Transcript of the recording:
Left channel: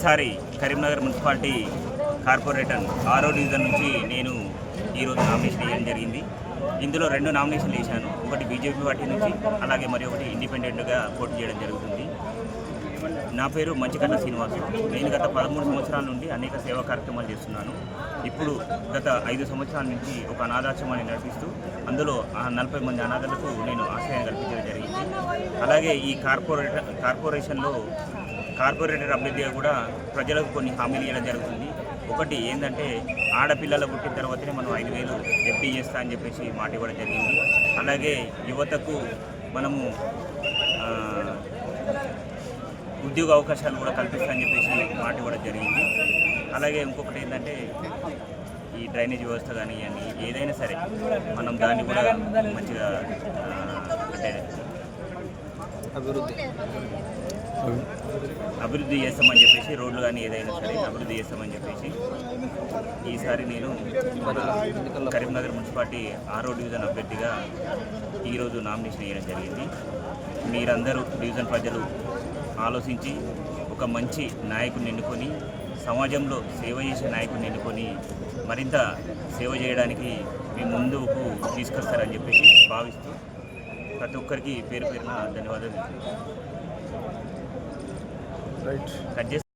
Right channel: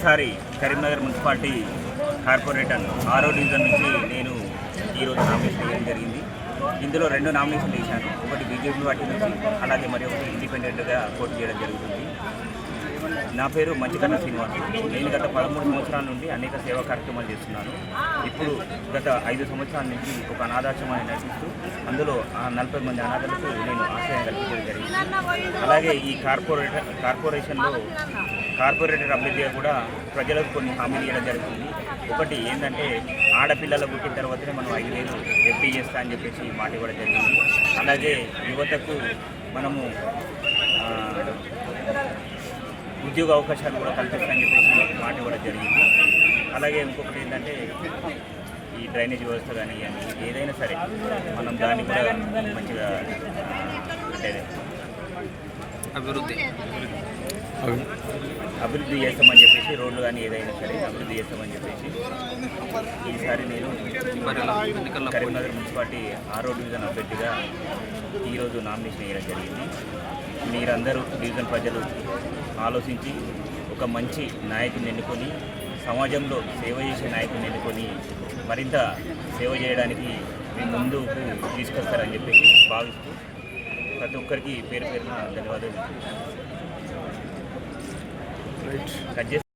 ఒకసారి Karimnagar municipality corporator ఆరో division నుంచి నేను ఈరోజు నామినేషన్ వేయడం జరిగింది. ఇందులో రెండు నామినేషన్ వేశాను. ఒకటి బీజేపీ పార్టీ నుంచి అలాగే మరి ఒకటి ఇండిపెండెంట్గా పోటీ చేయడం జరుగుతుంది. నా పేరు మంచికన్న శ్రీనివాస్. నేను గత పదమూడు సంవత్సరాల నుండి అనేక సేవా కార్యక్రమాలు చేస్తున్నాను. ఇప్పుడు గత ఐదు సంవత్సరాల నుంచి ఒక అనాథాశ్రమాన్ని నడిపిస్తూ అందులో ఆ నలభై మంది అనాథలకు నేను ఆశ్రయం కల్పించడం అలాగే ఈ కార్పొరేటర్ కార్పొరేషన్లో కార్పొరేటర్ అభ్యర్థిగా కూడా ప్రజలకు కొన్ని హామీలు ఇవ్వడం జరుగుతుంది. ఒకటి ఏంటంటే ఆడపిల్లలు పుట్టిన తర్వాతనే మనం ఐదు వేలు ఎఫ్డీ చేస్తా అని చెప్పేసి మాట ఇవ్వడం జరిగింది. అలాగే యువతకు మనము ఉద్యోగ అవకాశాలు కూడా కల్పిస్తామని చెప్పేసి మాట ఇవ్వడం జరిగింది. అలాగే ఇంకొకటి ఏంటంటే ఈ డ్రైనేజ్ వ్యవస్థ కానీ ఏదైనా సరే మనం దాన్ని కూడా మంచిగా అంటే అభివృద్ధి. అభివృద్ధి చేస్తామని చెప్పేసి రోడ్లు కానీ ఏదైనా సరే అభివృద్ధి చేస్తామని చెప్పేసి ఈసారి నేను కరీంనగర్ మున్సిపాలిటీ ఆరో డివిజన్ అభ్యర్థిగా ఈరోజు నామినేషన్ వేయడం జరిగింది. మీరందరూ డివిజన్ ప్రజలు ఆలోచించి ఒక మంచి నాయకుని ఎన్నుకొని సమాజంలో సేవ చేసే నాయకుని ఎన్నుకొని మరింత సేవ చేయడానికి మీ ముందుకు తీసుకొస్తారని చెప్పేసి భావిస్తూ ప్రతి ఒక్కరికి పేరు పేరున ధన్యవాదాలు. కట్ చేసి